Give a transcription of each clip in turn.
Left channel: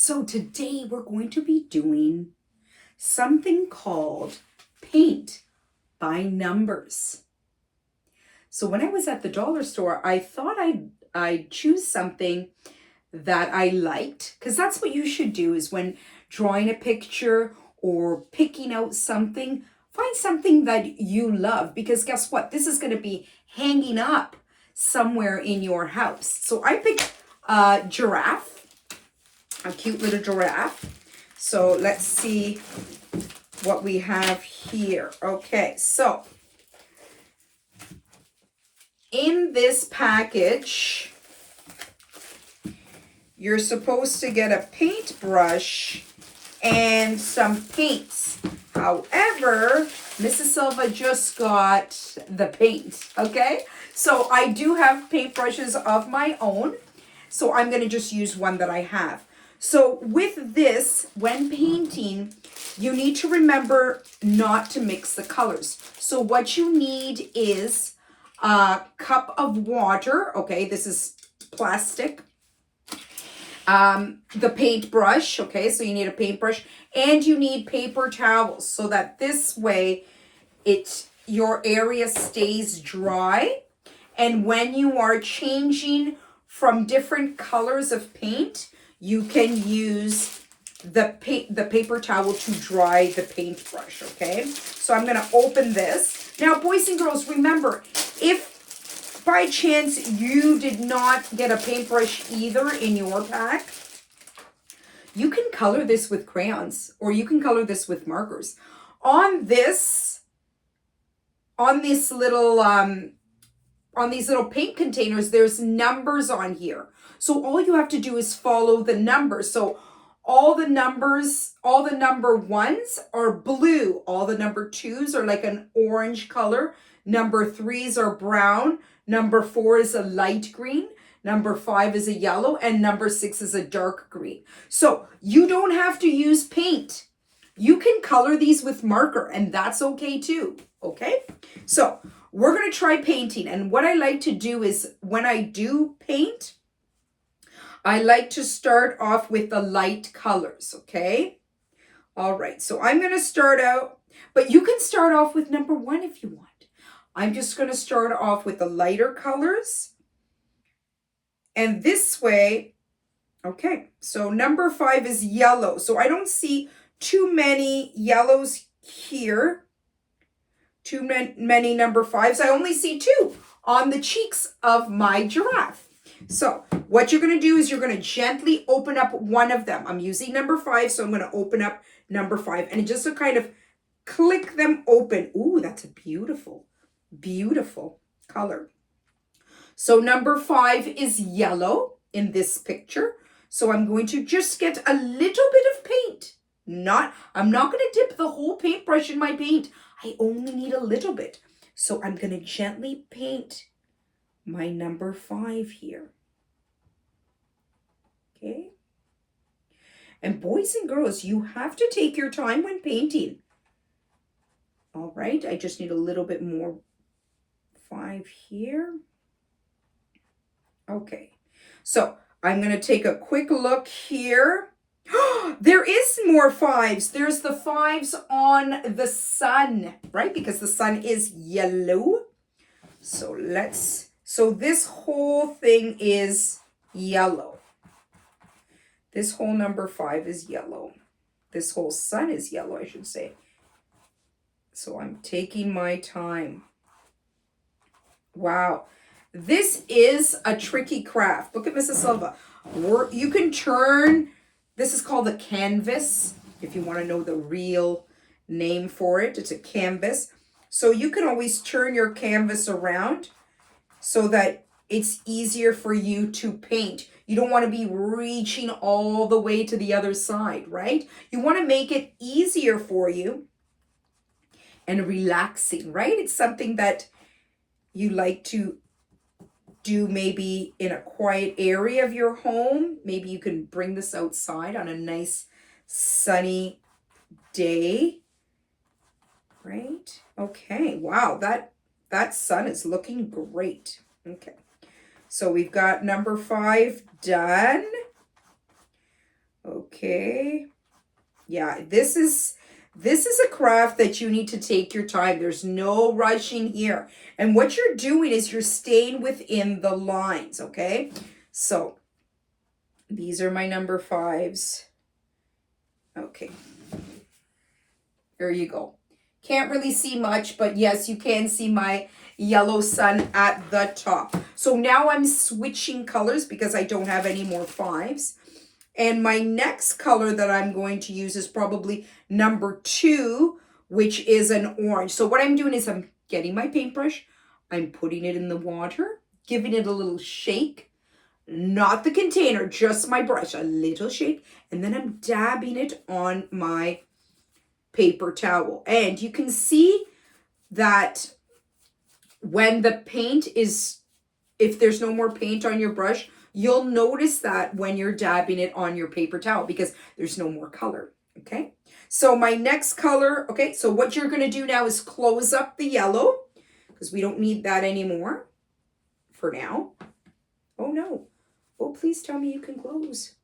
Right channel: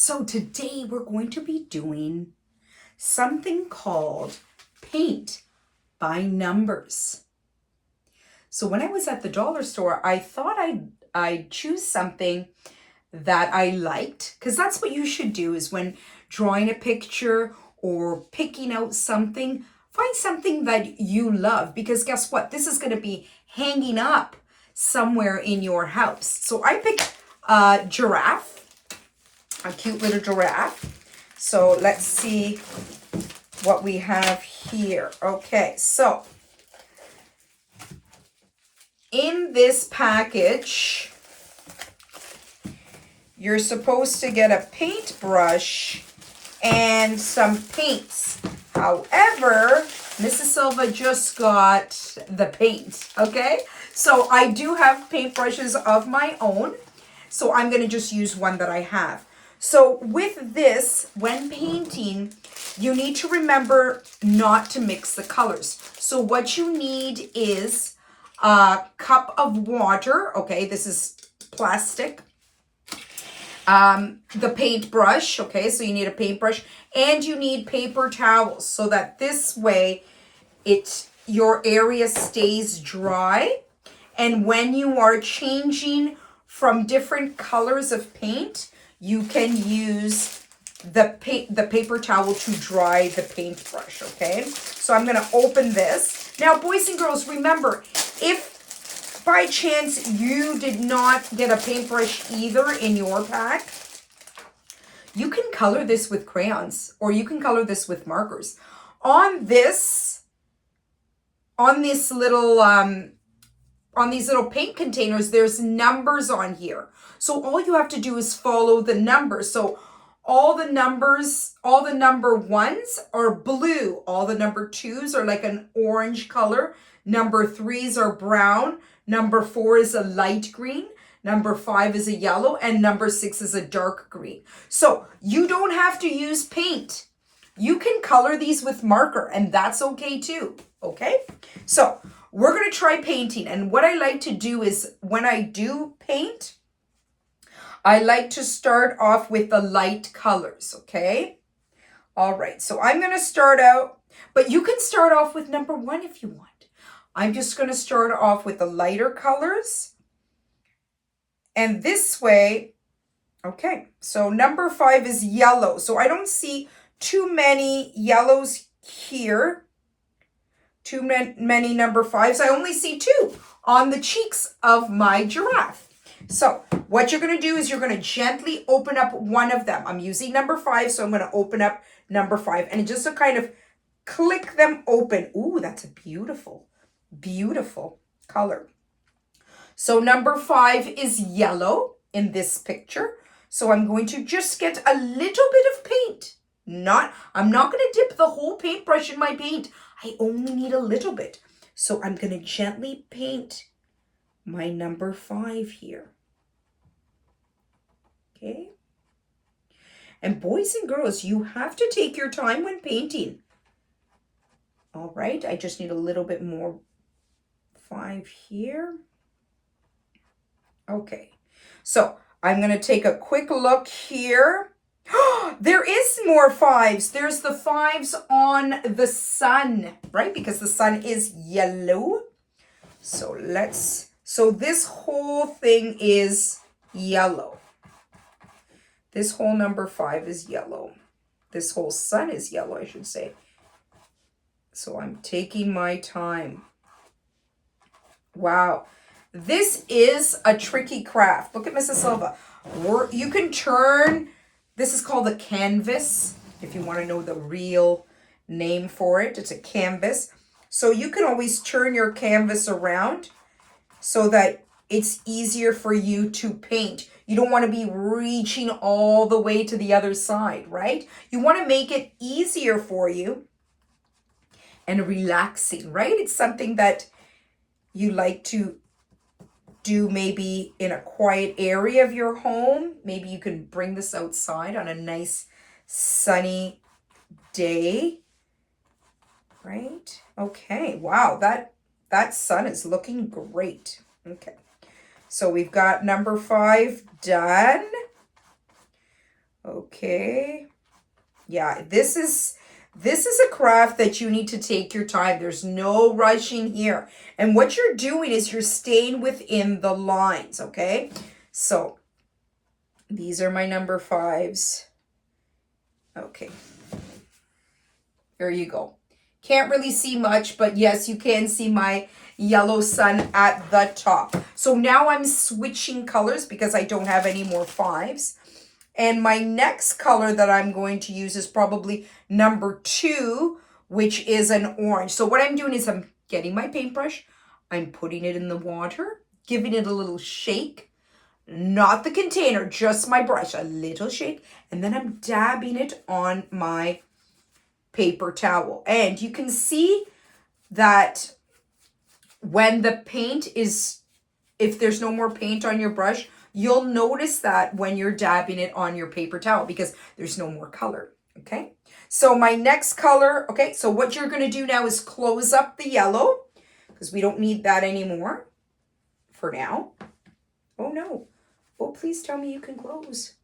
So today we're going to be doing something called paint by numbers. So when I was at the dollar store, I thought I'd choose something that I liked, because that's what you should do is when drawing a picture or picking out something, find something that you love, because guess what? This is going to be hanging up somewhere in your house. So I picked a giraffe. A cute little giraffe. So let's see what we have here. Okay, so in this package, you're supposed to get a paintbrush and some paints. However, Mrs. Silva just got the paint, okay? So I do have paintbrushes of my own, so I'm going to just use one that I have. So with this, when painting, you need to remember not to mix the colors. So what you need is a cup of water. Okay, this is plastic. The paintbrush. Okay, so you need a paintbrush. And you need paper towels so that this way your area stays dry. And when you are changing from different colors of paint, you can use the paper towel to dry the paintbrush, okay? So I'm going to open this. Now, boys and girls, remember, if by chance you did not get a paintbrush either in your pack, you can color this with crayons or you can color this with markers. On these little paint containers, there's numbers on here. So all you have to do is follow the numbers. So all the number ones are blue. All the number twos are like an orange color. Number threes are brown. Number 4 is a light green. Number 5 is a yellow. And number 6 is a dark green. So you don't have to use paint. You can color these with marker, and that's okay too, okay? So we're going to try painting. And what I like to do is when I do paint, I like to start off with the light colors, okay? All right, so I'm going to start out, but you can start off with number 1 if you want. I'm just going to start off with the lighter colors. And this way, okay, so number 5 is yellow. So I don't see too many yellows here. Too many number 5s. I only see 2 on the cheeks of my giraffe. So what you're going to do is you're going to gently open up one of them. I'm using number 5, so I'm going to open up number 5 and just to kind of click them open. Ooh, that's a beautiful, beautiful color. So number 5 is yellow in this picture. So I'm going to just get a little bit of paint. I'm not going to dip the whole paintbrush in my paint. I only need a little bit. So I'm going to gently paint my number 5 here. Okay. And boys and girls, you have to take your time when painting. All right. I just need a little bit more 5 here. Okay. So I'm going to take a quick look here. There is more 5s. There's the 5s on the sun, right? Because the sun is yellow. So this whole thing is yellow. This whole number 5 is yellow. This whole sun is yellow, I should say. So I'm taking my time. Wow. This is a tricky craft. Look at Mrs. Silva. You can turn... This is called a canvas, if you want to know the real name for it. It's a canvas. So you can always turn your canvas around so that it's easier for you to paint. You don't want to be reaching all the way to the other side, right? You want to make it easier for you and relaxing, right? It's something that you like to do maybe in a quiet area of your home. Maybe you can bring this outside on a nice sunny day, right? Okay, wow, that sun is looking great. Okay, so we've got number 5 done. Okay. Yeah, this is a craft that you need to take your time. There's no rushing here. And what you're doing is you're staying within the lines, okay? So, these are my number 5s. Okay. There you go. Can't really see much, but yes, you can see my yellow sun at the top. So now I'm switching colors because I don't have any more 5s. And my next color that I'm going to use is probably number 2, which is an orange. So what I'm doing is I'm getting my paintbrush, I'm putting it in the water, giving it a little shake, not the container, just my brush, a little shake, and then I'm dabbing it on my paper towel. And you can see that when the paint is, if there's no more paint on your brush, you'll notice that when you're dabbing it on your paper towel because there's no more color, okay? So my next color, okay, so what you're going to do now is close up the yellow because we don't need that anymore for now. Oh, no. Oh, please tell me you can close.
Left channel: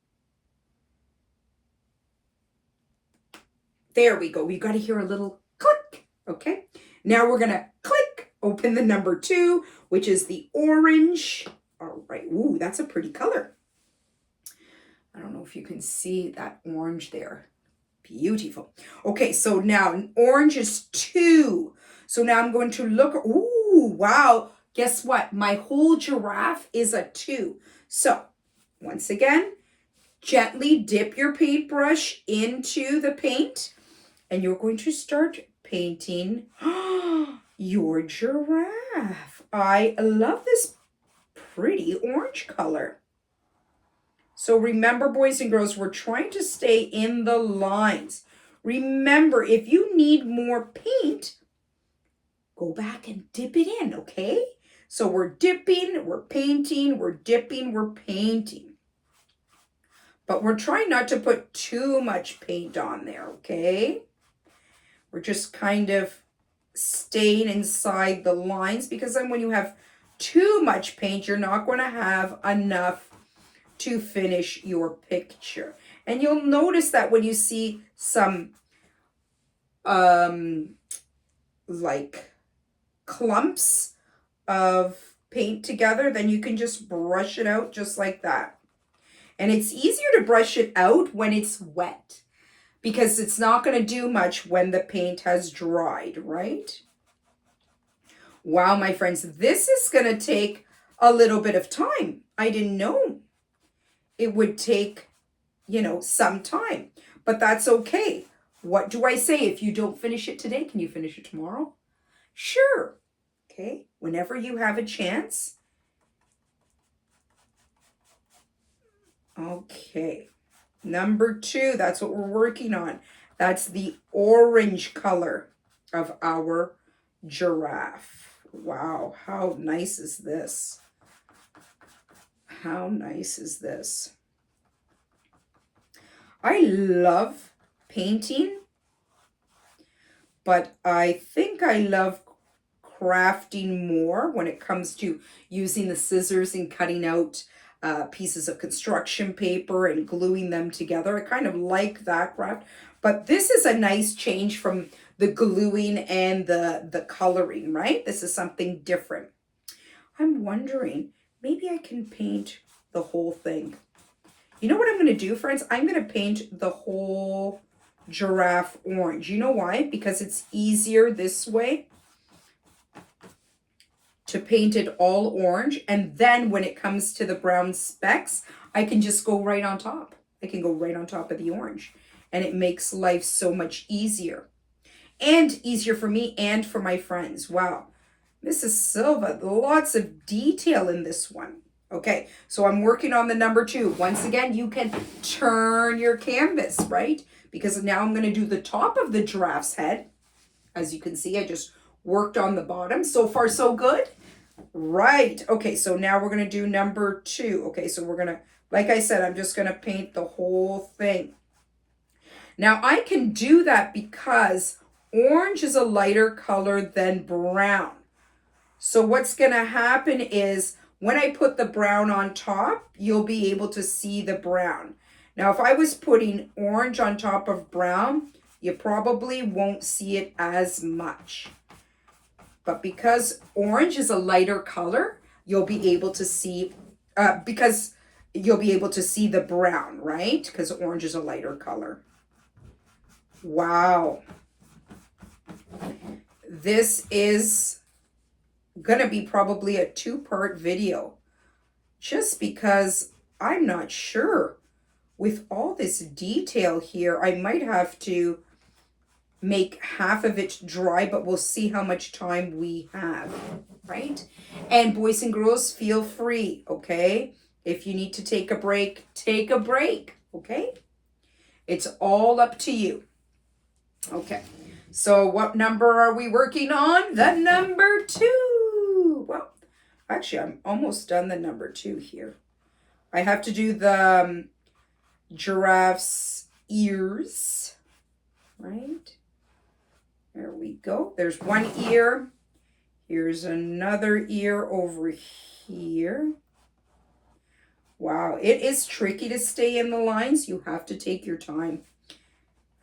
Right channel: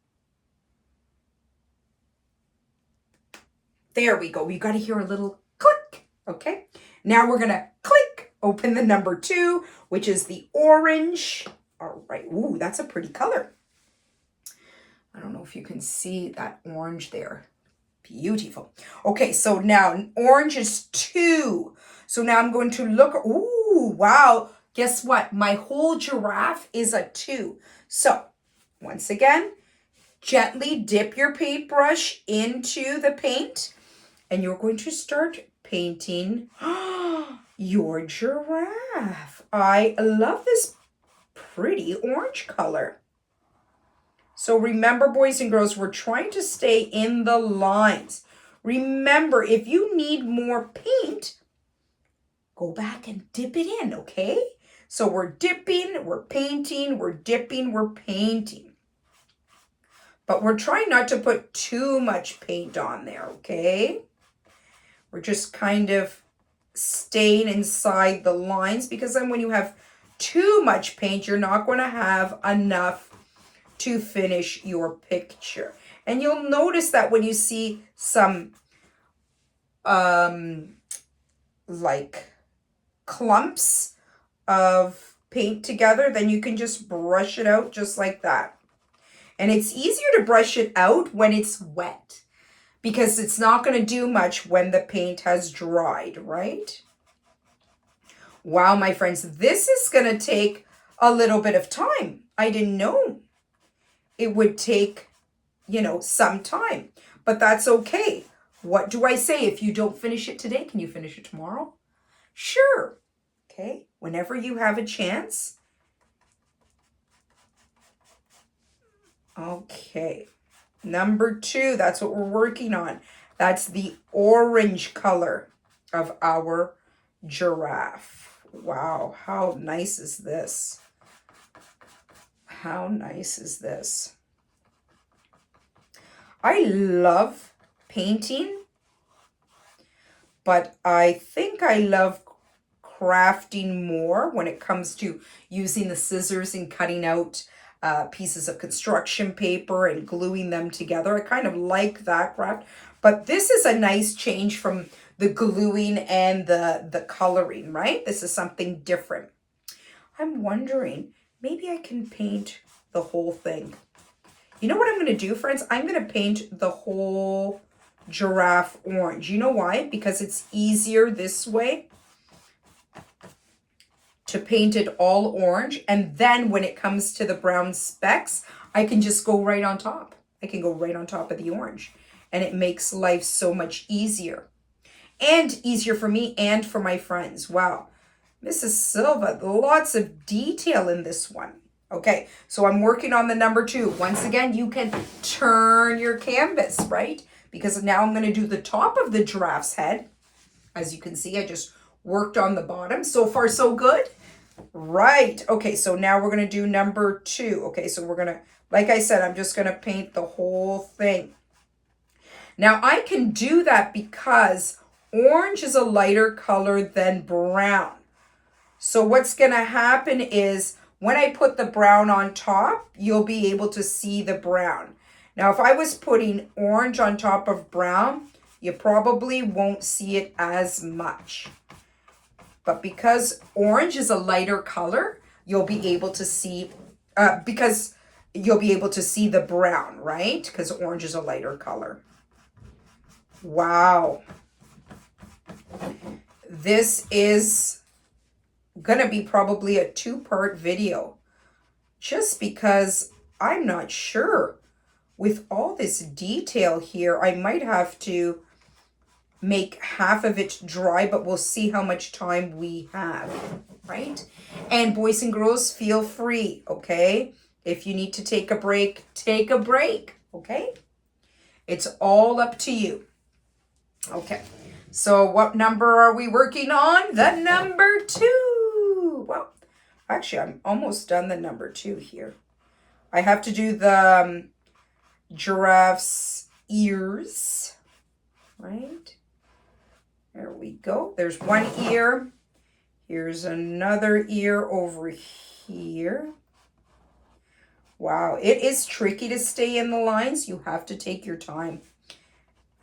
There we go. We got to hear a little click, okay? Now we're going to click, open the number 2, which is the orange. All right. Ooh, that's a pretty color. I don't know if you can see that orange there. Beautiful. Okay, so now orange is 2. So now I'm going to look. Ooh, wow. Guess what? My whole giraffe is a 2. So once again, gently dip your paintbrush into the paint and you're going to start painting your giraffe. I love this pretty orange color. So remember, boys and girls, we're trying to stay in the lines. Remember, if you need more paint, go back and dip it in, okay? So we're dipping, we're painting, we're dipping, we're painting. But we're trying not to put too much paint on there, okay? We're just kind of staying inside the lines because then when you have too much paint, you're not going to have enough to finish your picture. And you'll notice that when you see some like clumps of paint together, then you can just brush it out just like that. And it's easier to brush it out when it's wet because it's not going to do much when the paint has dried, right? Wow, my friends, this is going to take a little bit of time. I didn't know it would take, some time, but that's okay. What do I say? If you don't finish it today, can you finish it tomorrow? Sure. Okay. Whenever you have a chance. Okay. Number 2, that's what we're working on. That's the orange color of our giraffe. Wow. How nice is this? How nice is this? I love painting, but I think I love crafting more when it comes to using the scissors and cutting out pieces of construction paper and gluing them together. I kind of like that craft, but this is a nice change from the gluing and the coloring, right? This is something different. I'm wondering, maybe I can paint the whole thing. You know what I'm going to do, friends? I'm going to paint the whole giraffe orange. You know why? Because it's easier this way to paint it all orange. And then when it comes to the brown specks, I can just go right on top. I can go right on top of the orange. And it makes life so much easier. And easier for me and for my friends. Wow. Mrs. Silva, lots of detail in this one. Okay, so I'm working on the number 2. Once again, you can turn your canvas, right? Because now I'm going to do the top of the giraffe's head. As you can see, I just worked on the bottom. So far, so good. Right. Okay, so now we're going to do number 2. Okay, so we're going to, like I said, I'm just going to paint the whole thing. Now, I can do that because orange is a lighter color than brown. So what's going to happen is when I put the brown on top, you'll be able to see the brown. Now, if I was putting orange on top of brown, you probably won't see it as much. But because orange is a lighter color, you'll be able to see, because you'll be able to see the brown, right? Because orange is a lighter color. Wow. This is going to be probably a 2-part video, just because I'm not sure. With all this detail here, I might have to make half of it dry, but we'll see how much time we have, right? And boys and girls, feel free, okay? If you need to take a break, okay? It's all up to you. Okay, so what number are we working on? The number 2. Well, actually, I'm almost done the number 2 here. I have to do the giraffe's ears, right? There we go. There's one ear. Here's another ear over here. Wow, it is tricky to stay in the lines. You have to take your time.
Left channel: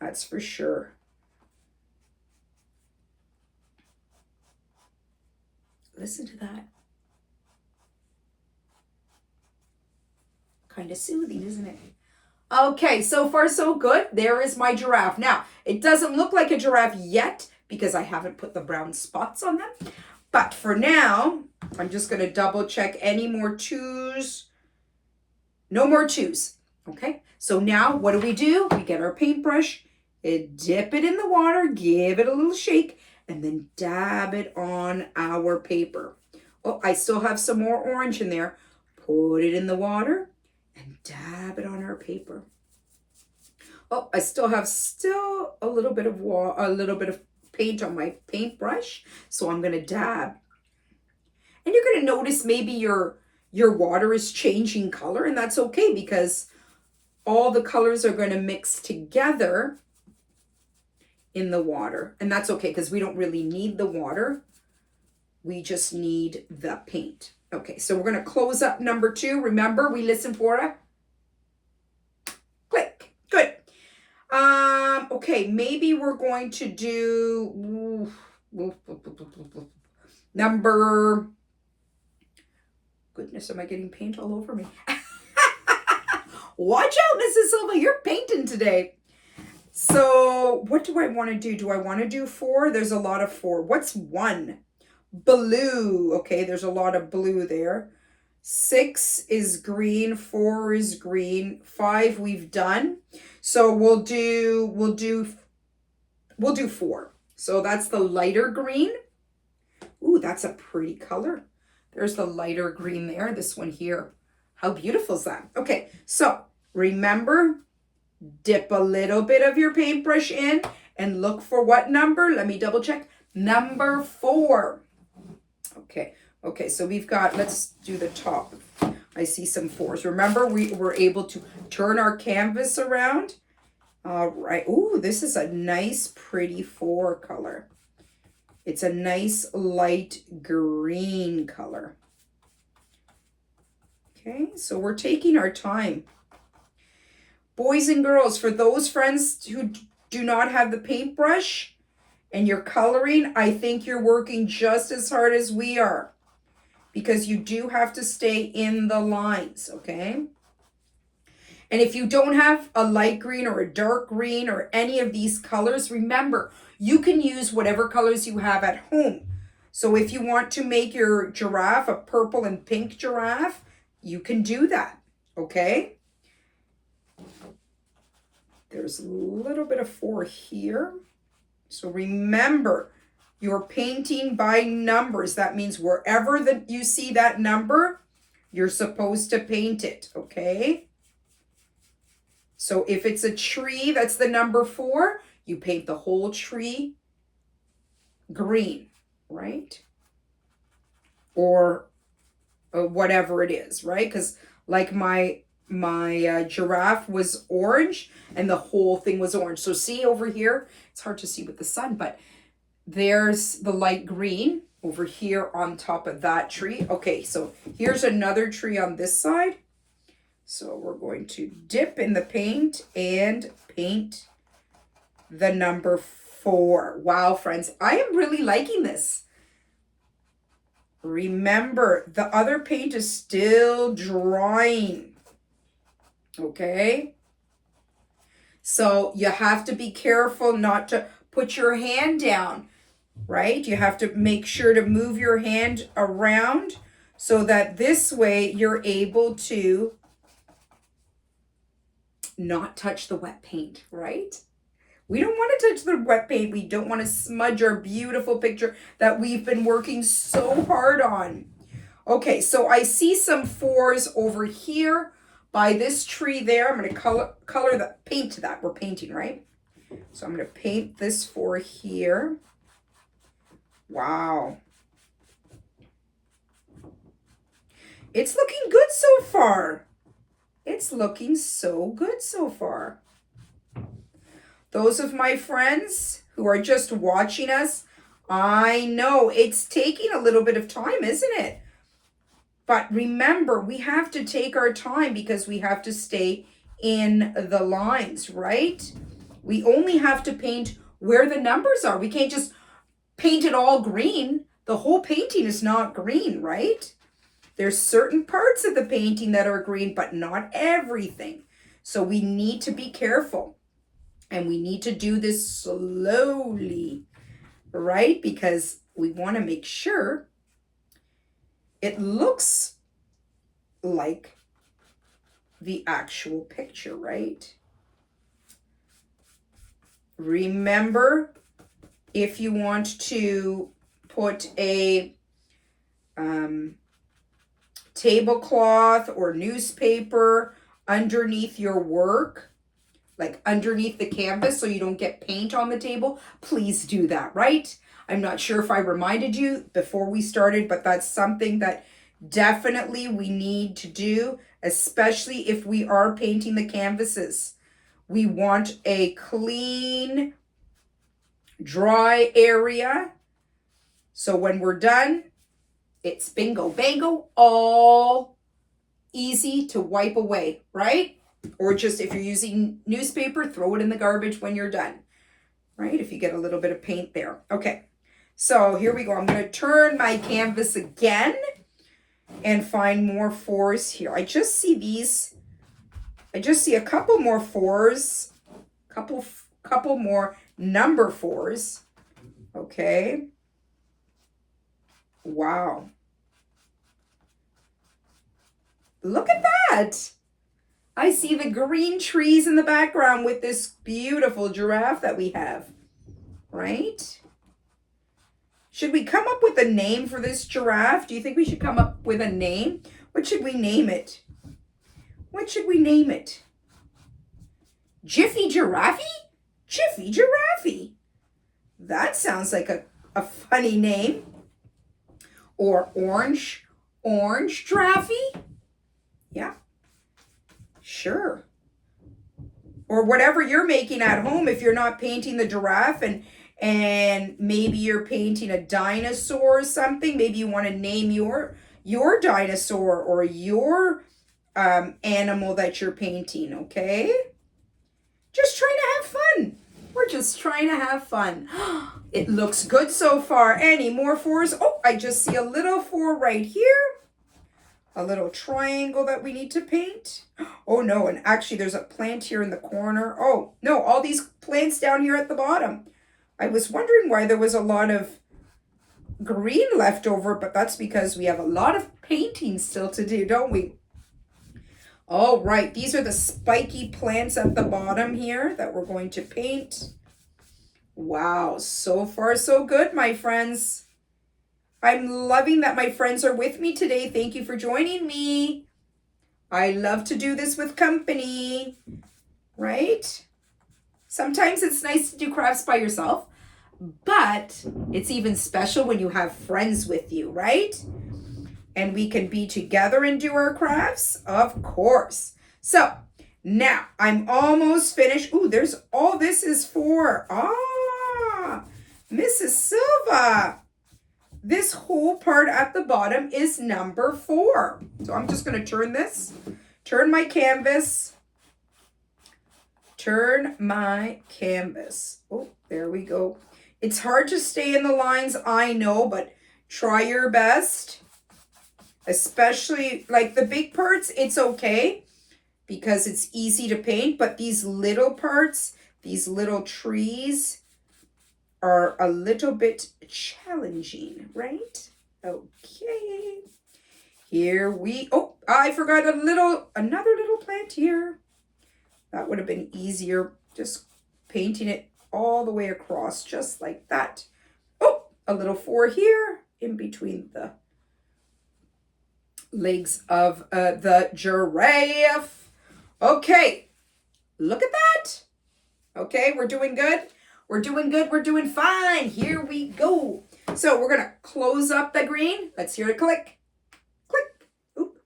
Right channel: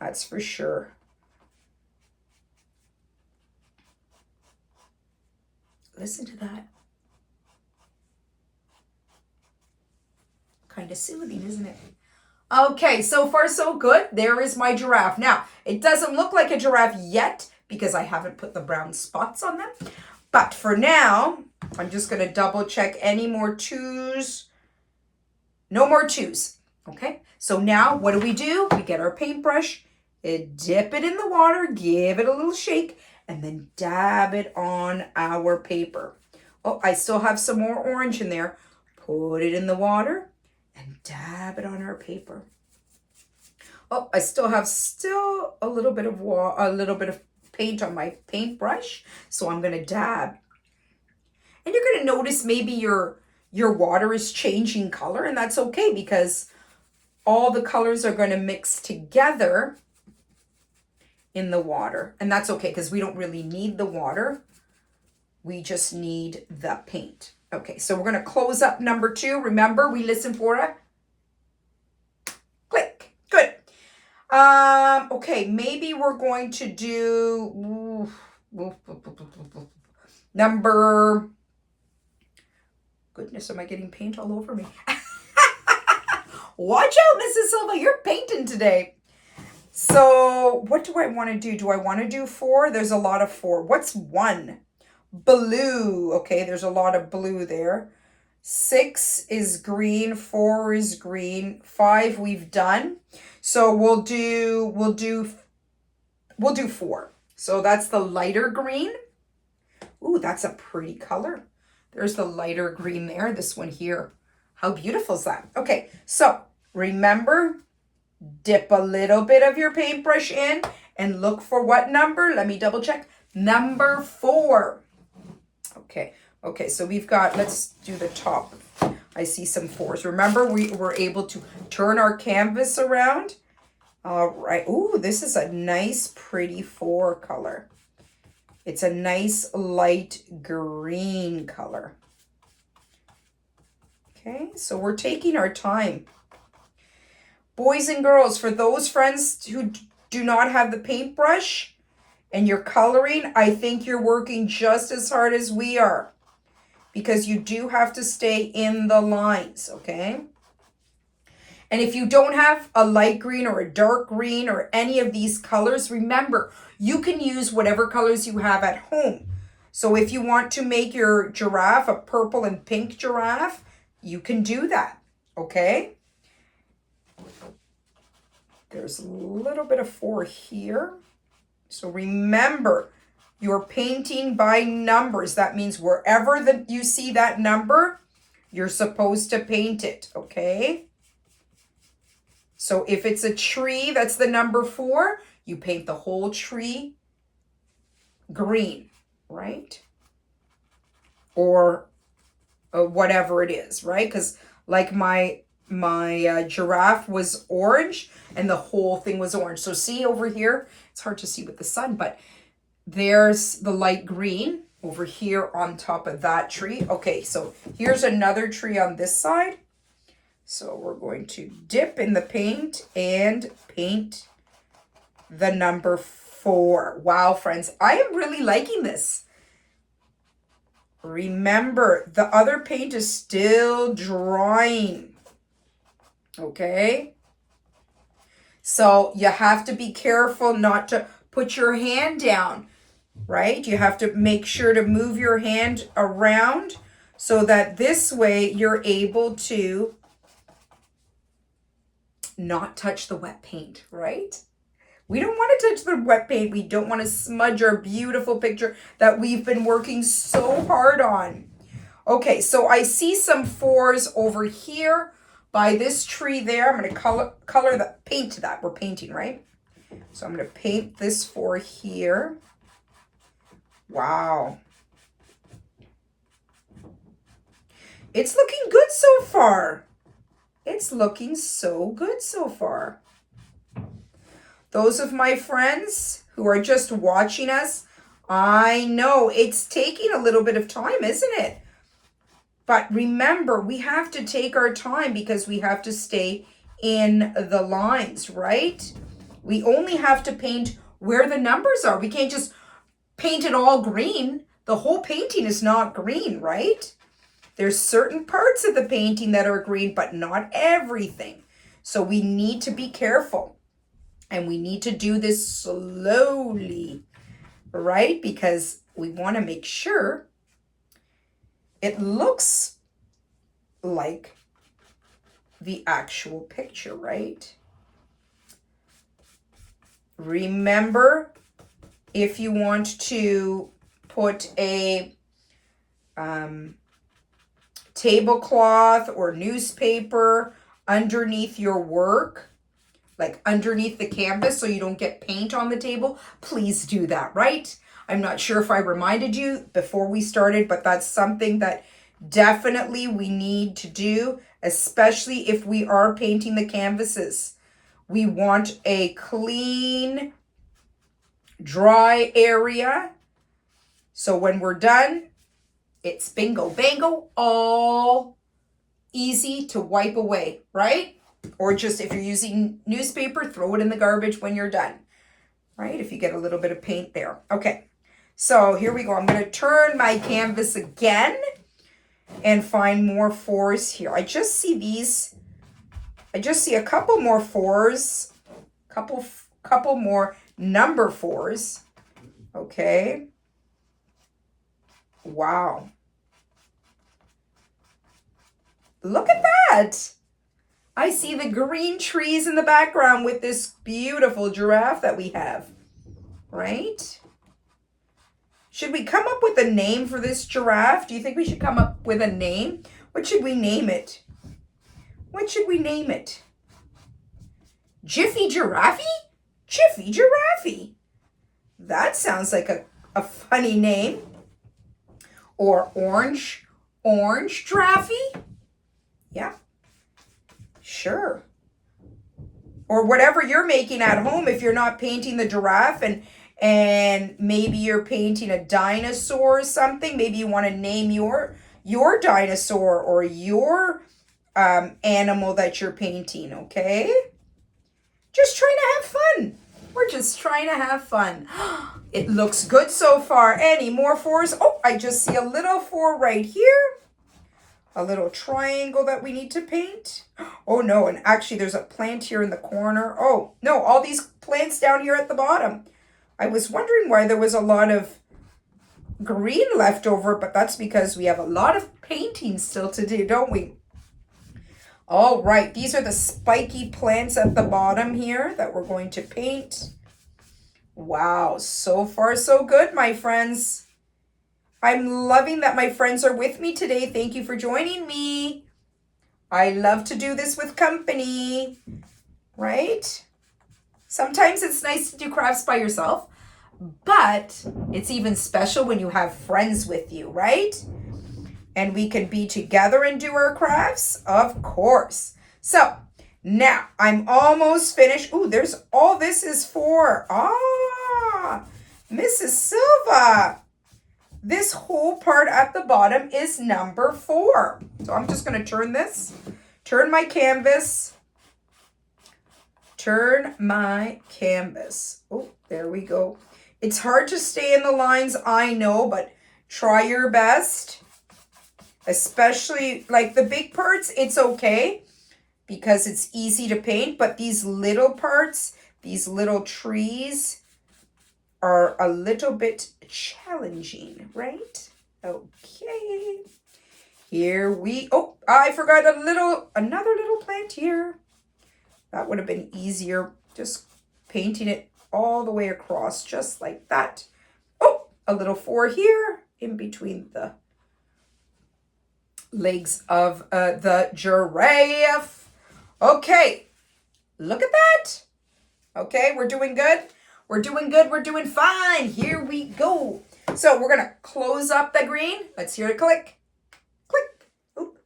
That's for sure. Listen to that. Kind of soothing, isn't it? Okay, so far so good. There is my giraffe. Now, it doesn't look like a giraffe yet because I haven't put the brown spots on them. But for now, I'm just going to double check any more 2s. No more 2s. Okay, so now what do? We get our paintbrush, dip it in the water, give it a little shake, and then dab it on our paper. Oh, I still have some more orange in there. Put it in the water and dab it on our paper. Oh, I still have a little bit of paint on my paintbrush, so I'm going to dab. And you're going to notice maybe your water is changing color, and that's okay because all the colors are going to mix together in the water. And that's okay because we don't really need the water. We just need the paint. Okay, so we're going to close up number 2. Remember, we listen for a click. Good. Okay, maybe we're going to do number... Goodness, am I getting paint all over me? Watch out, Mrs. Silva, you're painting today. So what do I want to do? Do I want to do 4? There's a lot of 4. What's 1? Blue. Okay, there's a lot of blue there. 6 is green. 4 is green. 5 we've done. So we'll do 4. So that's the lighter green. Ooh, that's a pretty color. There's the lighter green there. This one here. How beautiful is that? Okay, so remember, dip a little bit of your paintbrush in and look for what number? Let me double check. Number 4. Okay, so we've got, let's do the top. I see some 4s. Remember, we were able to turn our canvas around. All right. Ooh, this is a nice, pretty 4 color. It's a nice light green color. Okay, so we're taking our time. Boys and girls, for those friends who do not have the paintbrush and you're coloring, I think you're working just as hard as we are because you do have to stay in the lines, okay? And if you don't have a light green or a dark green or any of these colors, remember, you can use whatever colors you have at home. So if you want to make your giraffe a purple and pink giraffe, you can do that, okay? There's a little bit of 4 here. So remember, you're painting by numbers. That means wherever you see that number, you're supposed to paint it, okay? So if it's a tree, that's the number 4, you paint the whole tree green, right? Or whatever it is, right? Because like my giraffe was orange and the whole thing was orange. So see over here, it's hard to see with the sun, but there's the light green over here on top of that tree. Okay, so here's another tree on this side. So we're going to dip in the paint and paint the number 4. Wow, friends, I am really liking this. Remember, the other paint is still drying. Okay? So you have to be careful not to put your hand down, right? You have to make sure to move your hand around so that this way you're able to not touch the wet paint, right? We don't want to touch the wet paint. We don't want to smudge our beautiful picture that we've been working so hard on. Okay, so I see some 4s over here by this tree there. I'm going to color the paint to that. We're painting, right? So I'm going to paint this 4 here. Wow. It's looking good so far. It's looking so good so far. Those of my friends who are just watching us, I know it's taking a little bit of time, isn't it? But remember, we have to take our time because we have to stay in the lines, right? We only have to paint where the numbers are. We can't just paint it all green. The whole painting is not green, right? There's certain parts of the painting that are green, but not everything. So we need to be careful. And we need to do this slowly, right? Because we want to make sure it looks like the actual picture, right? Remember, if you want to put a tablecloth or newspaper underneath your work, like underneath the canvas so you don't get paint on the table, please do that, right? I'm not sure if I reminded you before we started, but that's something that definitely we need to do, especially if we are painting the canvases. We want a clean, dry area. So when we're done, it's bingo, bango, all easy to wipe away, right? Or just if you're using newspaper, throw it in the garbage when you're done, right? If you get a little bit of paint there. Okay, so here we go. I'm going to turn my canvas again and find more 4s here. I just see these. I just see a couple more 4s, couple more number 4s. Okay. Wow. Look at that. I see the green trees in the background with this beautiful giraffe that we have, right? Should we come up with a name for this giraffe? Do you think we should come up with a name? What should we name it? What should we name it? Jiffy Giraffe? Jiffy Giraffe. That sounds like a funny name. Or Orange Giraffe? Yeah. Sure. Or whatever you're making at home if you're not painting the giraffe and maybe you're painting a dinosaur or something. Maybe you want to name your dinosaur or your animal that you're painting, okay? Just trying to have fun. We're just trying to have fun. It looks good so far. Any more 4s? Oh, I just see a little 4 right here. A little triangle that we need to paint. Oh no, and actually there's a plant here in the corner. Oh no, all these plants down here at the bottom. I was wondering why there was a lot of green left over, but that's because we have a lot of painting still to do, don't we? All right, these are the spiky plants at the bottom here that we're going to paint. Wow, so far so good, my friends. I'm loving that my friends are with me today. Thank you for joining me. I love to do this with company, right? Sometimes it's nice to do crafts by yourself, but it's even special when you have friends with you, right? And we can be together and do our crafts, of course. So now I'm almost finished. Ooh, there's all this is for. Mrs. Silva. This whole part at the bottom is number 4. So I'm just going to turn this Turn my canvas. Turn my canvas. Oh, there we go. It's hard to stay in the lines, I know, but try your best. Especially like the big parts, it's okay because it's easy to paint, but these little parts, these little trees are a little bit challenging, right? Okay. Here we, oh, I forgot another little plant here. That would have been easier, just painting it all the way across, just like that. Oh, a little 4 here in between the legs of the giraffe. Okay, look at that. Okay, we're doing good. We're doing good. We're doing fine. Here we go. So we're going to close up the green. Let's hear it click. Click. Oop.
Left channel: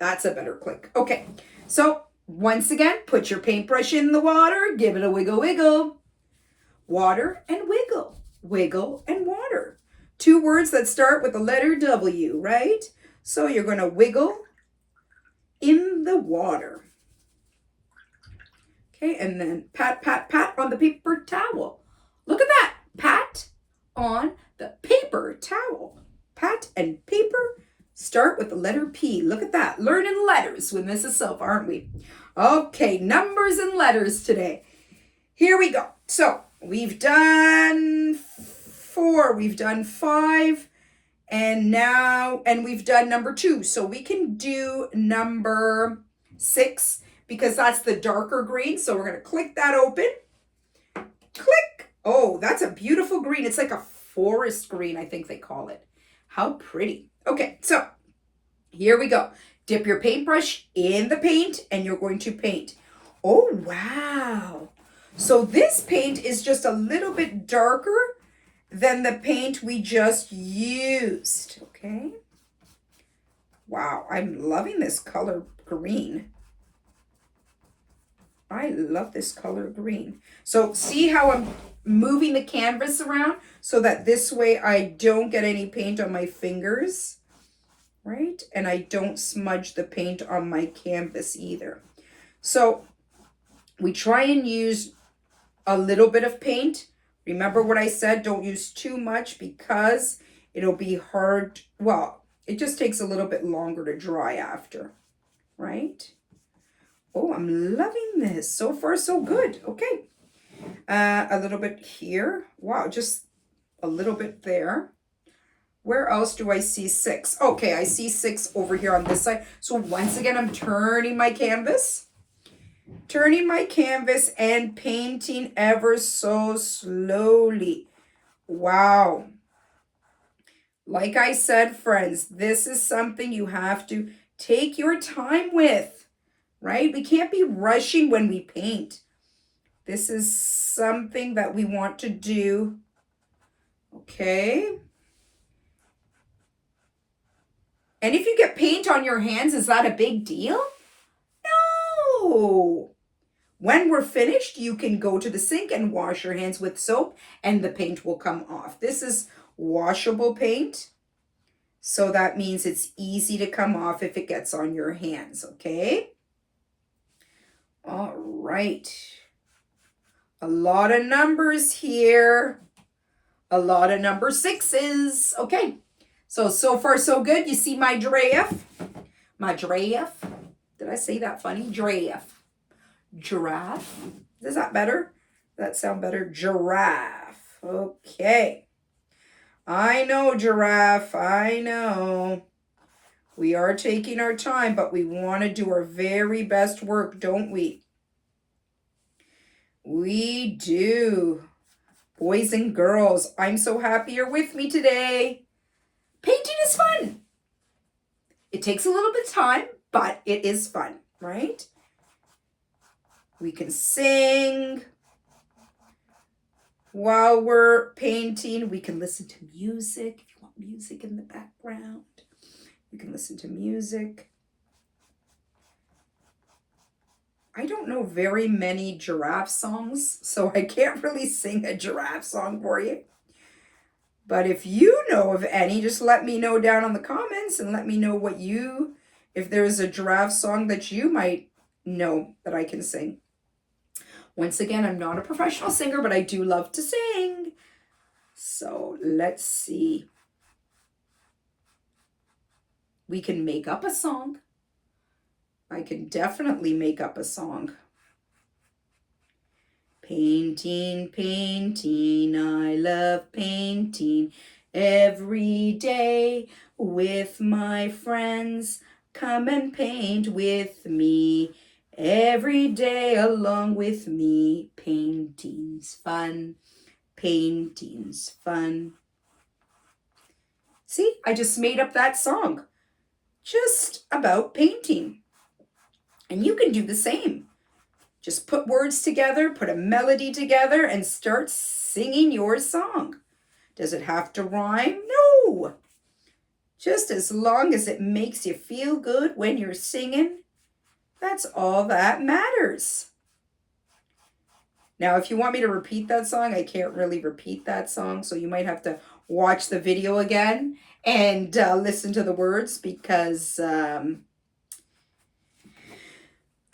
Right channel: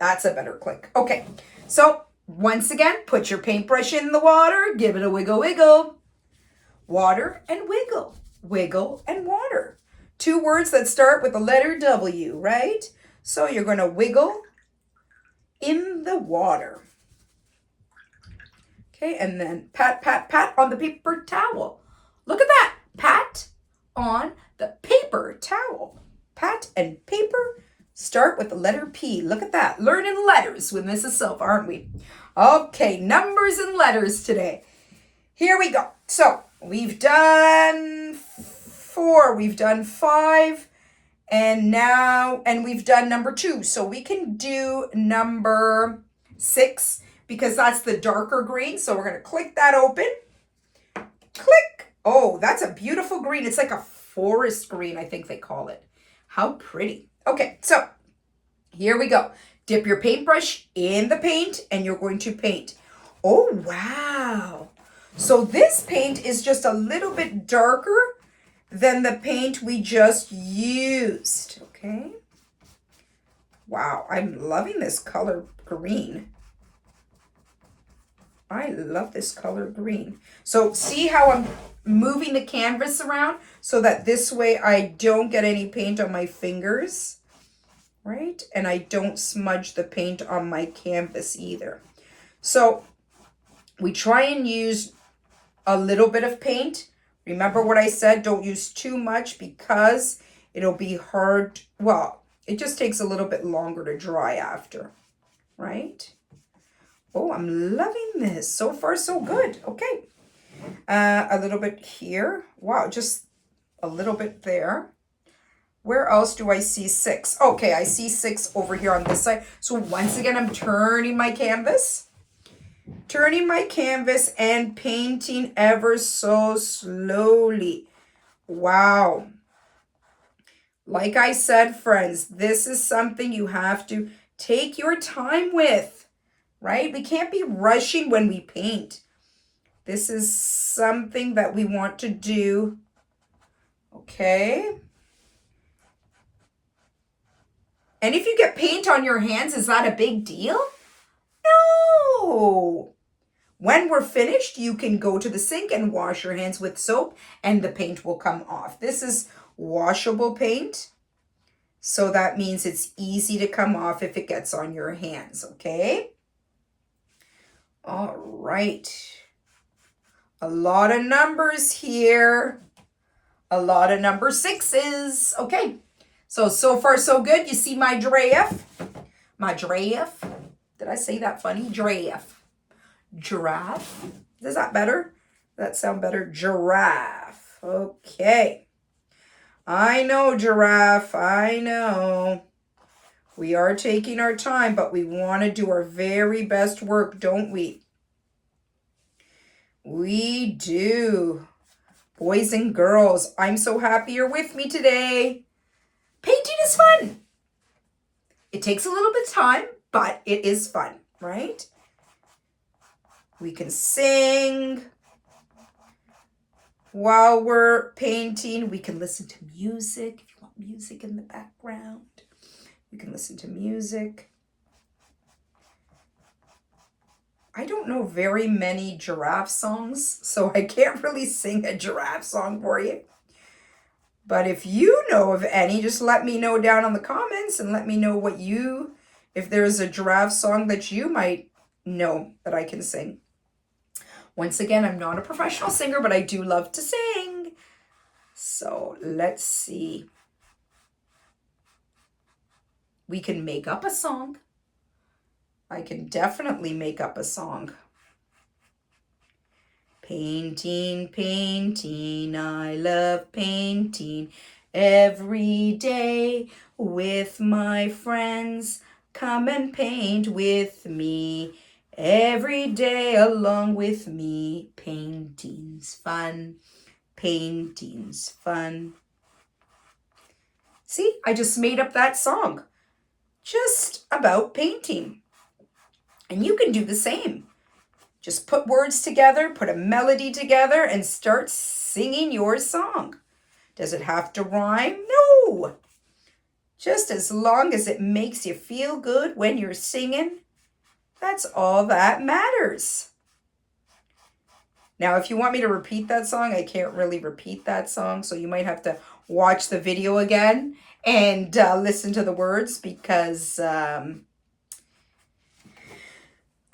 That's a better click. Okay, so once again, put your paintbrush in the water. Give it a wiggle, wiggle. Water and wiggle. Wiggle and water. 2 words that start with the letter W, right? So you're going to wiggle in the water. Okay, and then pat, pat, pat on the paper towel. Look at that. Pat on the paper towel. Pat and paper start with the letter P. Look at that. Learning letters with Mrs. Silva, aren't we? Okay, numbers and letters today. Here we go. So we've done 4. We've done 5. And we've done number 2. So we can do number 6 because that's the darker green. So we're going to click that open. Click. Oh, that's a beautiful green. It's like a forest green, I think they call it. How pretty. Okay, so here we go. Dip your paintbrush in the paint and you're going to paint. Oh, wow. So this paint is just a little bit darker than the paint we just used, okay? Wow, I'm loving this color green. I love this color green. So see how I'm moving the canvas around so that this way I don't get any paint on my fingers, right? And I don't smudge the paint on my canvas either. So we try and use a little bit of paint. Remember what I said, don't use too much because it'll be hard. Well, it just takes a little bit longer to dry after, right? Oh, I'm loving this. So far, so good. Okay. A little bit here. Wow, just a little bit there. Where else do I see 6? Okay, I see 6 over here on this side. So once again, I'm turning my canvas. Turning my canvas and painting ever so slowly. Wow. Like I said, friends, this is something you have to take your time with, right? We can't be rushing when we paint. This is something that we want to do. Okay. And if you get paint on your hands, is that a big deal? No. When we're finished, you can go to the sink and wash your hands with soap and the paint will come off. This is washable paint. So that means it's easy to come off if it gets on your hands, okay? All right. A lot of numbers here. A lot of number 6s. Okay. So far so good. You see my giraffe? My giraffe. Did I say that funny? Giraffe. Giraffe. Is that better? Does that sound better? Giraffe. Okay. I know, giraffe. I know. We are taking our time, but we want to do our very best work, don't we? We do. Boys and girls, I'm so happy you're with me today. Painting is fun. It takes a little bit of time, but it is fun, right? We can sing while we're painting. We can listen to music. If you want music in the background, you can listen to music. I don't know very many giraffe songs, so I can't really sing a giraffe song for you. But if you know of any, just let me know down in the comments and let me know what you if there is a giraffe song that you might know that I can sing. Once again, I'm not a professional singer, but I do love to sing. So let's see. We can make up a song. I can definitely make up a song. Painting, painting, I love painting every day with my friends. Come and paint with me every day along with me. Painting's fun, painting's fun. See, I just made up that song just about painting. And you can do the same. Just put words together, put a melody together, and start singing your song. Does it have to rhyme? No. Just as long as it makes you feel good when you're singing, that's all that matters. Now, if you want me to repeat that song, I can't really repeat that song, so you might have to watch the video again and listen to the words because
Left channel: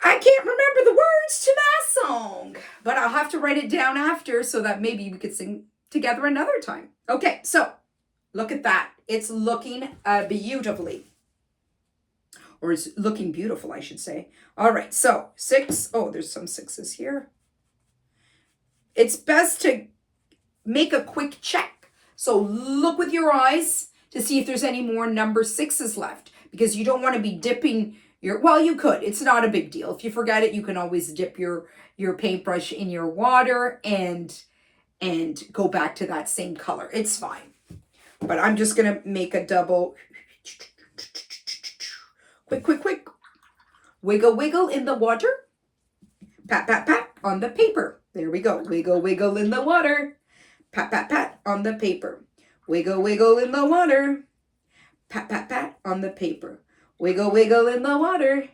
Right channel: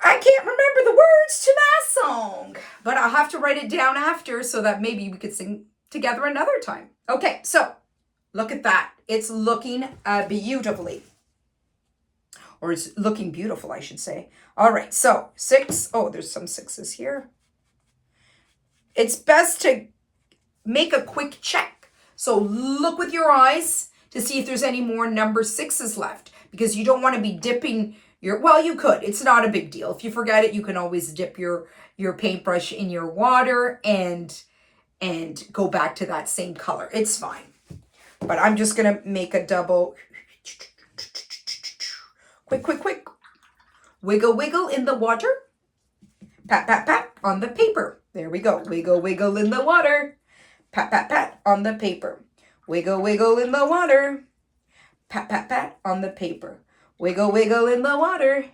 I can't remember the words to that song, but I'll have to write it down after so that maybe we could sing together another time. Okay, so look at that. It's looking beautifully. Or it's looking beautiful, I should say. All right, so 6. Oh, there's some 6s here. It's best to make a quick check. So look with your eyes to see if there's any more number 6s left, because you don't want to be dipping well, you could. It's not a big deal. If you forget it, you can always dip your paintbrush in your water and go back to that same color. It's fine. But I'm just going to make a double. Quick, quick, quick. Wiggle, wiggle in the water. Pat, pat, pat on the paper. There we go. Wiggle, wiggle in the water. Pat, pat, pat on the paper. Wiggle, wiggle in the water. Pat, pat, pat on the paper. Wiggle, wiggle in the water.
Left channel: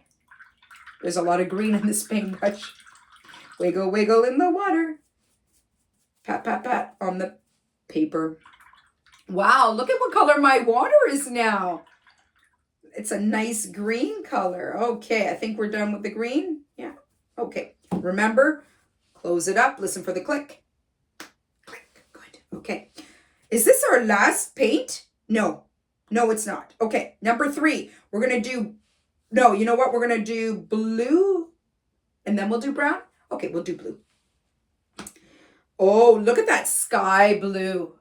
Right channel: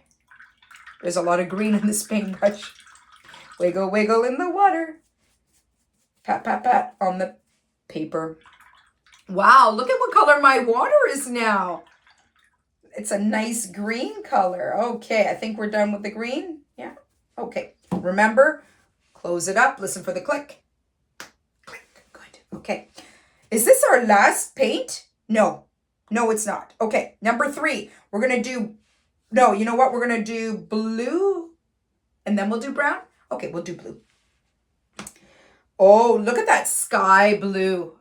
There's a lot of green in this paintbrush. Wiggle, wiggle in the water. Pat, pat, pat on the paper. Wow, look at what color my water is now. It's a nice green color. Okay, I think we're done with the green. Yeah, okay. Remember, close it up. Listen for the click. Click, good. Okay. Is this our last paint? No. No, it's not. Okay, number 3. We're going to do, no, you know what? We're going to do blue and then we'll do brown. Okay, we'll do blue. Oh, look at that sky blue.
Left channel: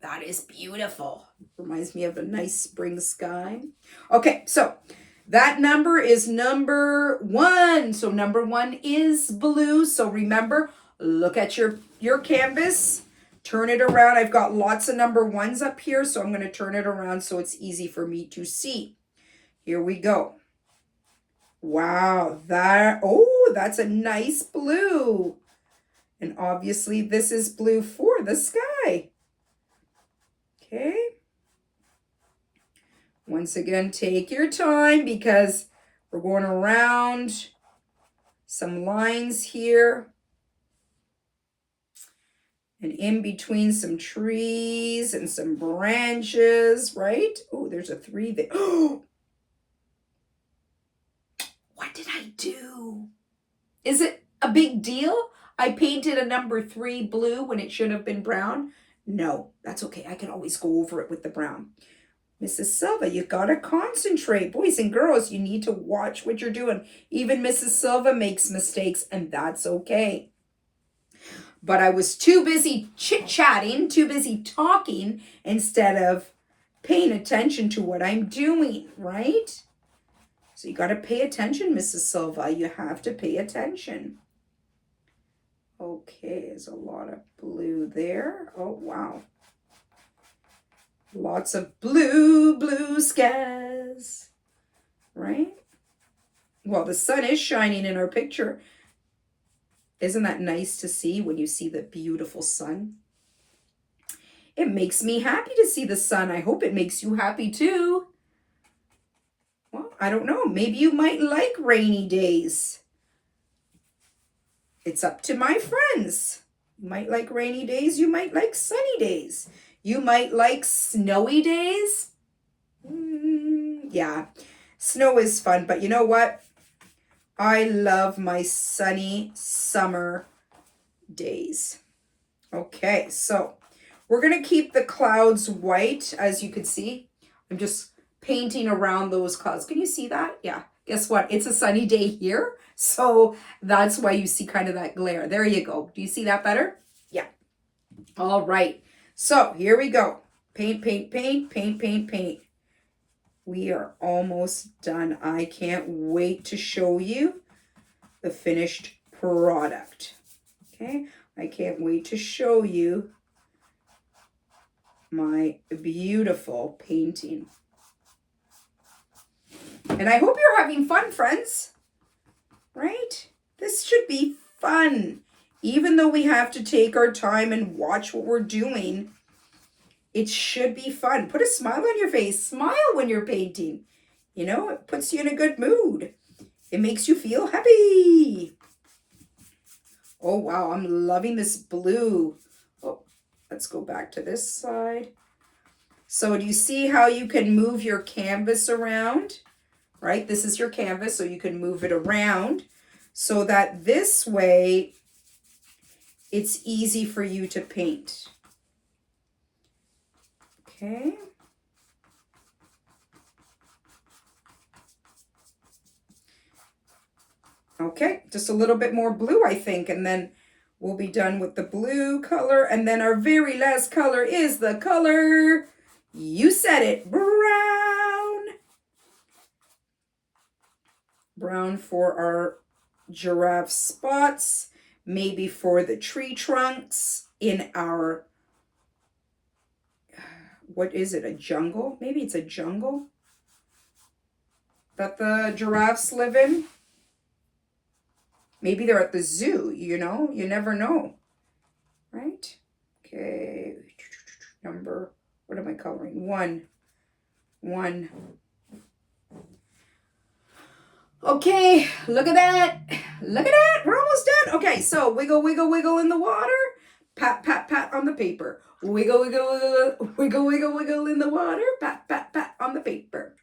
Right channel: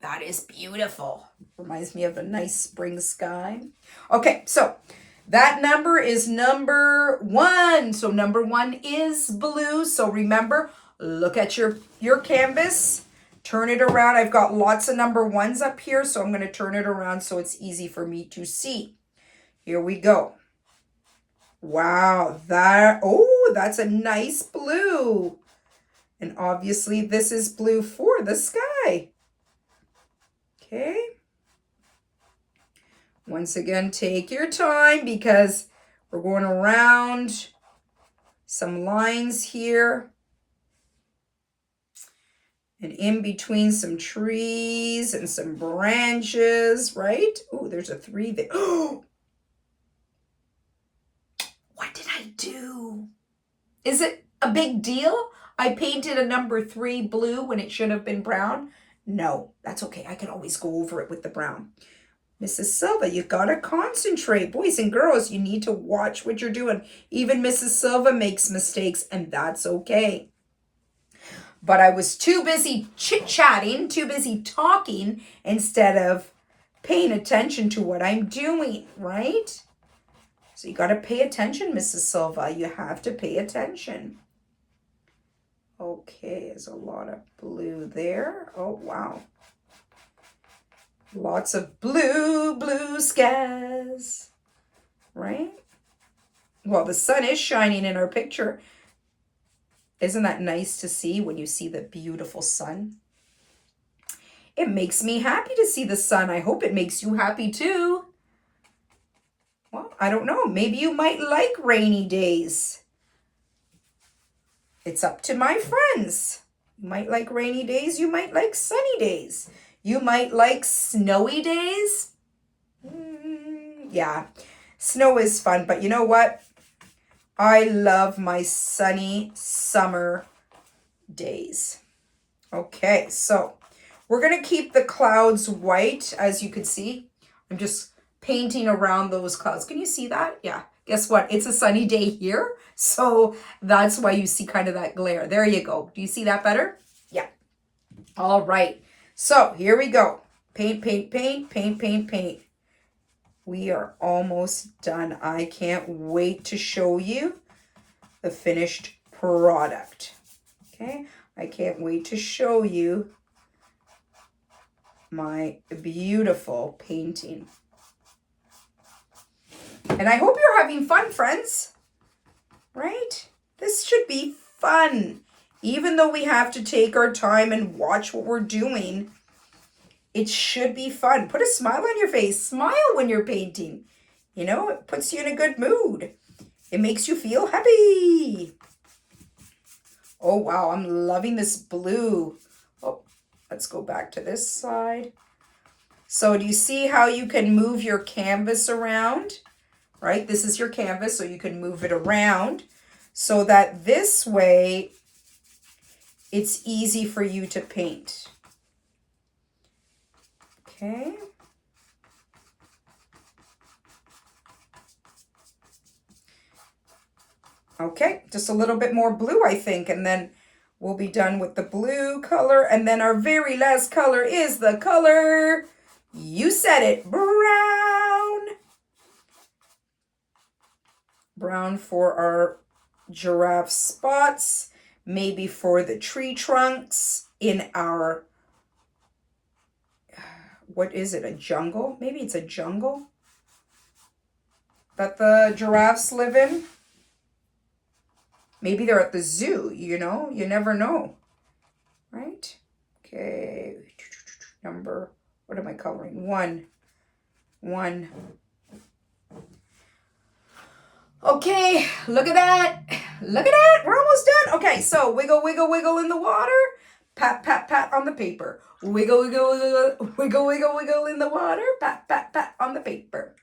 That is beautiful. Reminds me of a nice spring sky. Okay, so that number is number 1. So number 1 is blue. So remember, look at your canvas. Turn it around. I've got lots of number 1s up here, so I'm going to turn it around so it's easy for me to see. Here we go. Wow, that's a nice blue. And obviously this is blue for the sky. Okay. Once again, take your time because we're going around some lines here. And in between some trees and some branches, right? Oh, there's a 3 there. Oh, what did I do? Is it a big deal? I painted a number 3 blue when it should have been brown. No, that's okay. I can always go over it with the brown. Mrs. Silva, you got to concentrate. Boys and girls, you need to watch what you're doing. Even Mrs. Silva makes mistakes, and that's okay. But I was too busy chit-chatting, too busy talking, instead of paying attention to what I'm doing, right? So you got to pay attention, Mrs. Silva. You have to pay attention. Okay, there's a lot of blue there. Oh, wow. Lots of blue skies, right? Well, the sun is shining in our picture. Isn't that nice to see when you see the beautiful sun? It makes me happy to see the sun. I hope it makes you happy too. Well, I don't know. Maybe you might like rainy days. It's up to my friends. You might like rainy days. You might like sunny days. You might like snowy days. Yeah. Snow is fun, but you know what? I love my sunny summer days. Okay, so we're going to keep the clouds white, as you can see. I'm just painting around those clouds. Can you see that? Yeah. Guess what? It's a sunny day here, so that's why you see kind of that glare. There you go. Do you see that better? Yeah. All right. So here we go. Paint, paint, paint, paint, paint, paint. We are almost done. I can't wait to show you the finished product. Okay. I can't wait to show you my beautiful painting. And I hope you're having fun, friends. Right? This should be fun. Even though we have to take our time and watch what we're doing, it should be fun. Put a smile on your face. Smile when you're painting. You know, it puts you in a good mood. It makes you feel happy. Oh, wow. I'm loving this blue. Oh, let's go back to this side. So do you see how you can move your canvas around? Right? This is your canvas, so you can move it around so that this way it's easy for you to paint. Okay. Okay, just a little bit more blue, I think, and then we'll be done with the blue color. And then our very last color is the color, you said it, brown. Brown for our giraffe spots, maybe for the tree trunks in our, what is it, a jungle? Maybe it's a jungle that the giraffes live in. Maybe they're at the zoo, you know? You never know, right? Okay, number, what am I coloring? One. Okay, look at that. Look at that. We're almost done. Okay, so wiggle, wiggle, wiggle in the water. Pat, pat, pat on the paper. Wiggle, wiggle, wiggle, wiggle, wiggle, wiggle in the water. Pat, pat, pat on the paper.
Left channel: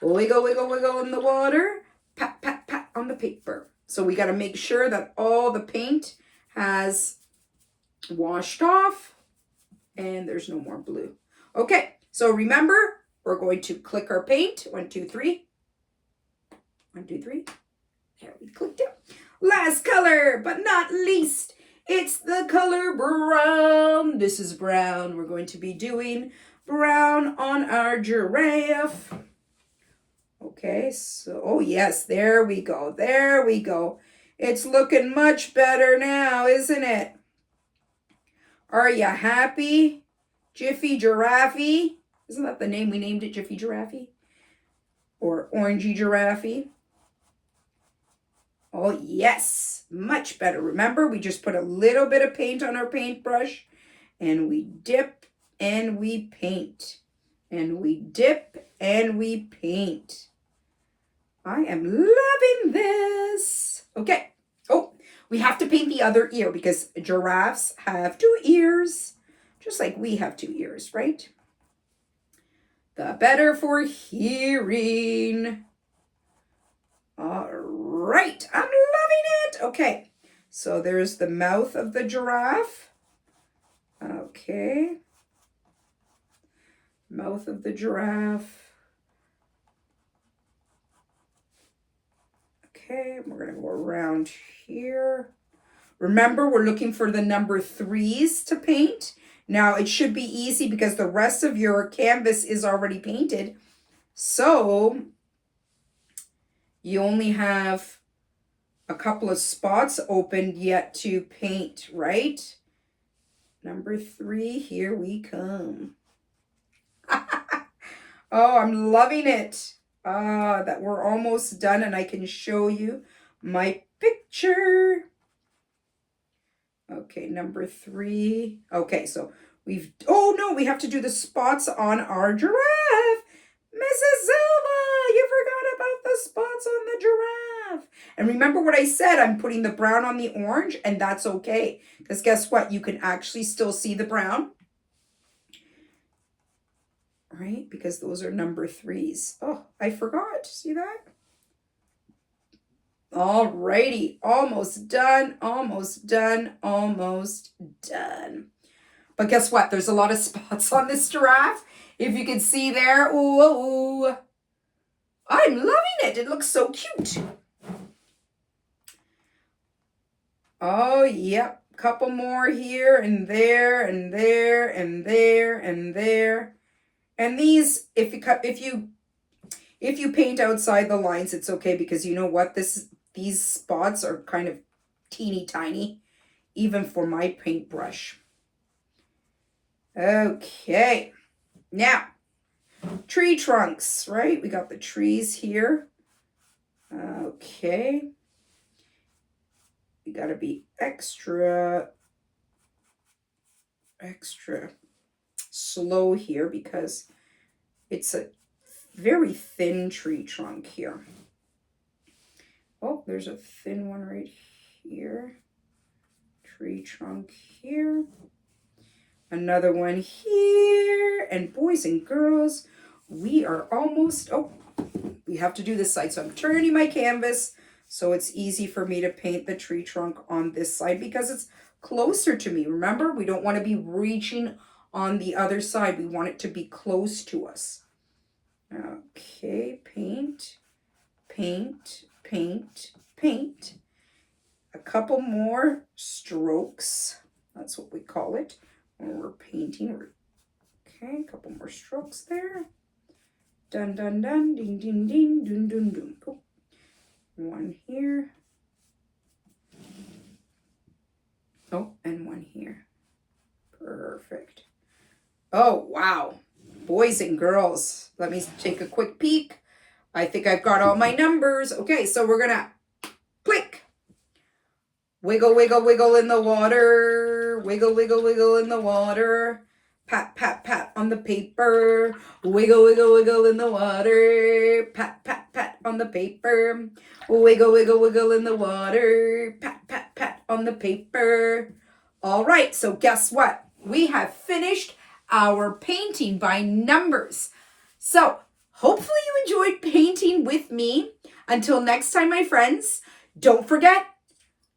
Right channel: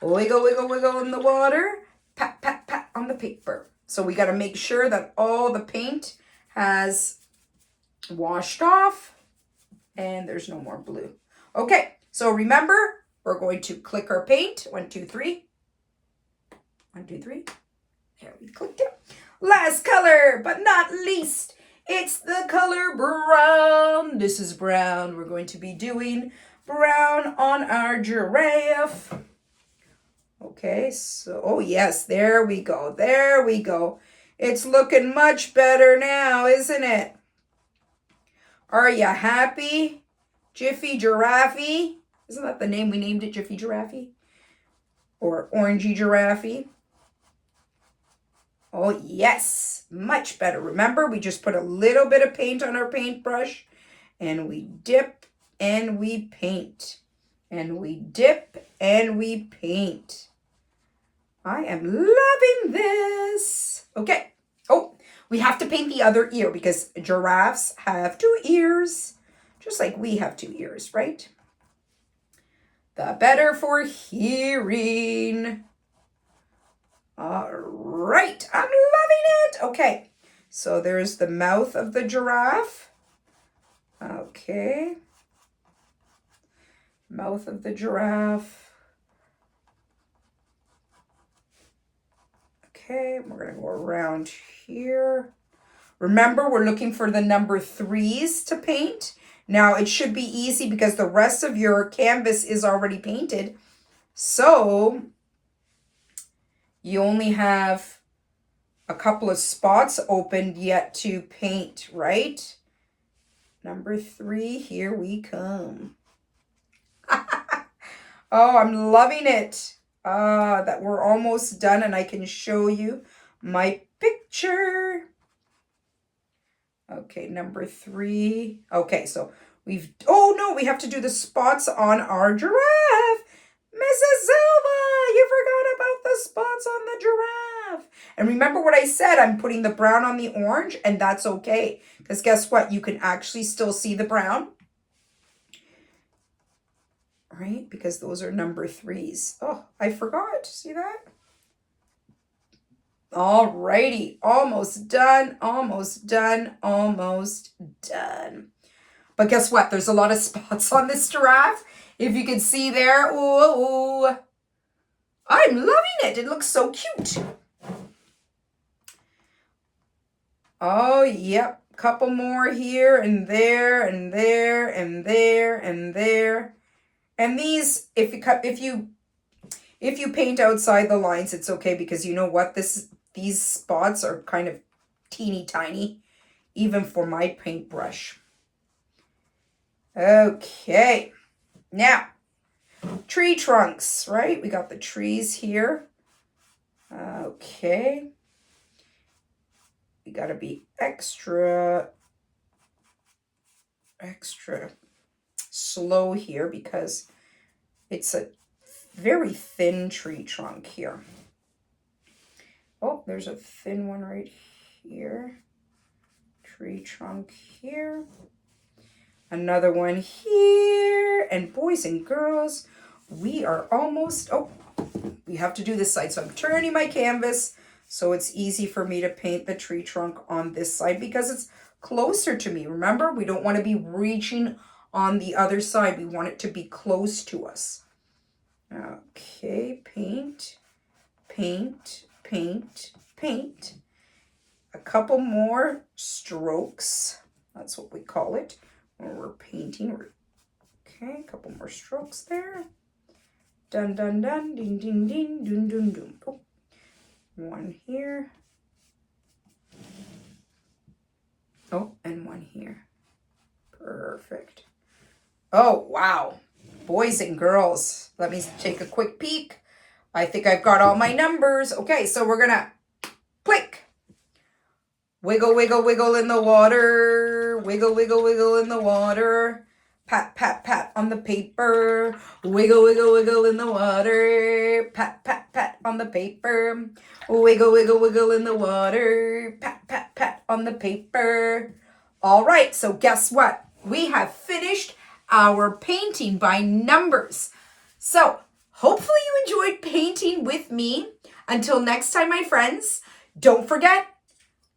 Wiggle, wiggle, wiggle in the water. Pat, pat, pat on the paper. So we got to make sure that all the paint has washed off and there's no more blue. Okay, so remember, we're going to click our paint. 1, 2, 3. 1, 2, 3. There, we clicked it. Last color, but not least, it's the color brown. This is brown. We're going to be doing brown on our giraffe. Okay, so, oh yes, there we go. There we go. It's looking much better now, isn't it? Are you happy? Jiffy Giraffe? Isn't that the name we named it, Jiffy Giraffe? Or Orangey Giraffe? Oh, yes, much better. Remember, we just put a little bit of paint on our paintbrush and we dip and we paint. And we dip and we paint. I am loving this. Okay. Oh, we have to paint the other ear because giraffes have 2 ears, just like we have 2 ears, right? The better for hearing. All right, I'm loving it. Okay, so there's the mouth of the giraffe. Okay, mouth of the giraffe. Okay, we're gonna go around here. Remember, we're looking for the number 3s to paint. Now, it should be easy because the rest of your canvas is already painted. So you only have a couple of spots opened yet to paint, right? Number 3, here we come. Oh, I'm loving it. That we're almost done and I can show you my picture. Okay, number 3. Okay, so we've, oh no, we have to do the spots on our giraffe. Mrs. Silva, you forgot about the spots on the giraffe. And remember what I said, I'm putting the brown on the orange, and that's okay. Because guess what? You can actually still see the brown. right? Because those are number 3s. Oh, I forgot. See that? All righty. Almost done. Almost done. Almost done. But guess what? There's a lot of spots on this giraffe. If you can see there. Ooh. I'm loving it. It looks so cute. Oh, yep. Couple more here and there and there and there and there. And these, if you paint outside the lines, it's okay, because you know what? These spots are kind of teeny tiny, even for my paintbrush. Okay. Now, tree trunks, right? We got the trees here. Okay. You got to be extra slow here because it's a very thin tree trunk here. Oh, there's a thin one right here. Tree trunk here. Another one here. And boys and girls, we are almost, we have to do this side. So I'm turning my canvas so it's easy for me to paint the tree trunk on this side because it's closer to me. Remember, we don't want to be reaching on the other side. We want it to be close to us. Okay, paint, paint, paint, paint. A couple more strokes. That's what we call it when we're painting. Okay, a couple more strokes there. Dun, dun, dun, ding, ding, ding, dun, dun, dun. Oh. One here. Oh, and one here. Perfect. Oh, wow. Boys and girls, let me take a quick peek. I think I've got all my numbers. Okay, so we're going to click. Wiggle, wiggle, wiggle in the water. Wiggle, wiggle, wiggle in the water. Pat, pat, pat on the paper. Wiggle, wiggle, wiggle in the water. Pat, pat, pat on the paper. Wiggle, wiggle, wiggle in the water. Pat, pat, pat on the paper. All right, so guess what? We have finished our painting by numbers. So hopefully you enjoyed painting with me. Until next time, my friends, don't forget,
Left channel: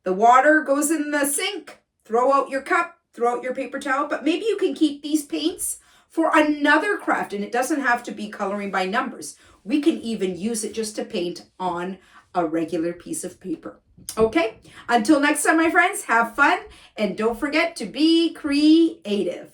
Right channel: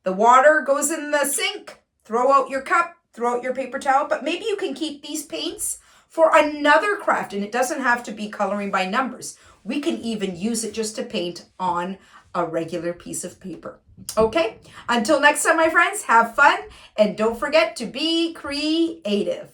the water goes in the sink. Throw out your cup. Throw out your paper towel, but maybe you can keep these paints for another craft, and it doesn't have to be coloring by numbers. We can even use it just to paint on a regular piece of paper. Okay, until next time, my friends, have fun, and don't forget to be creative.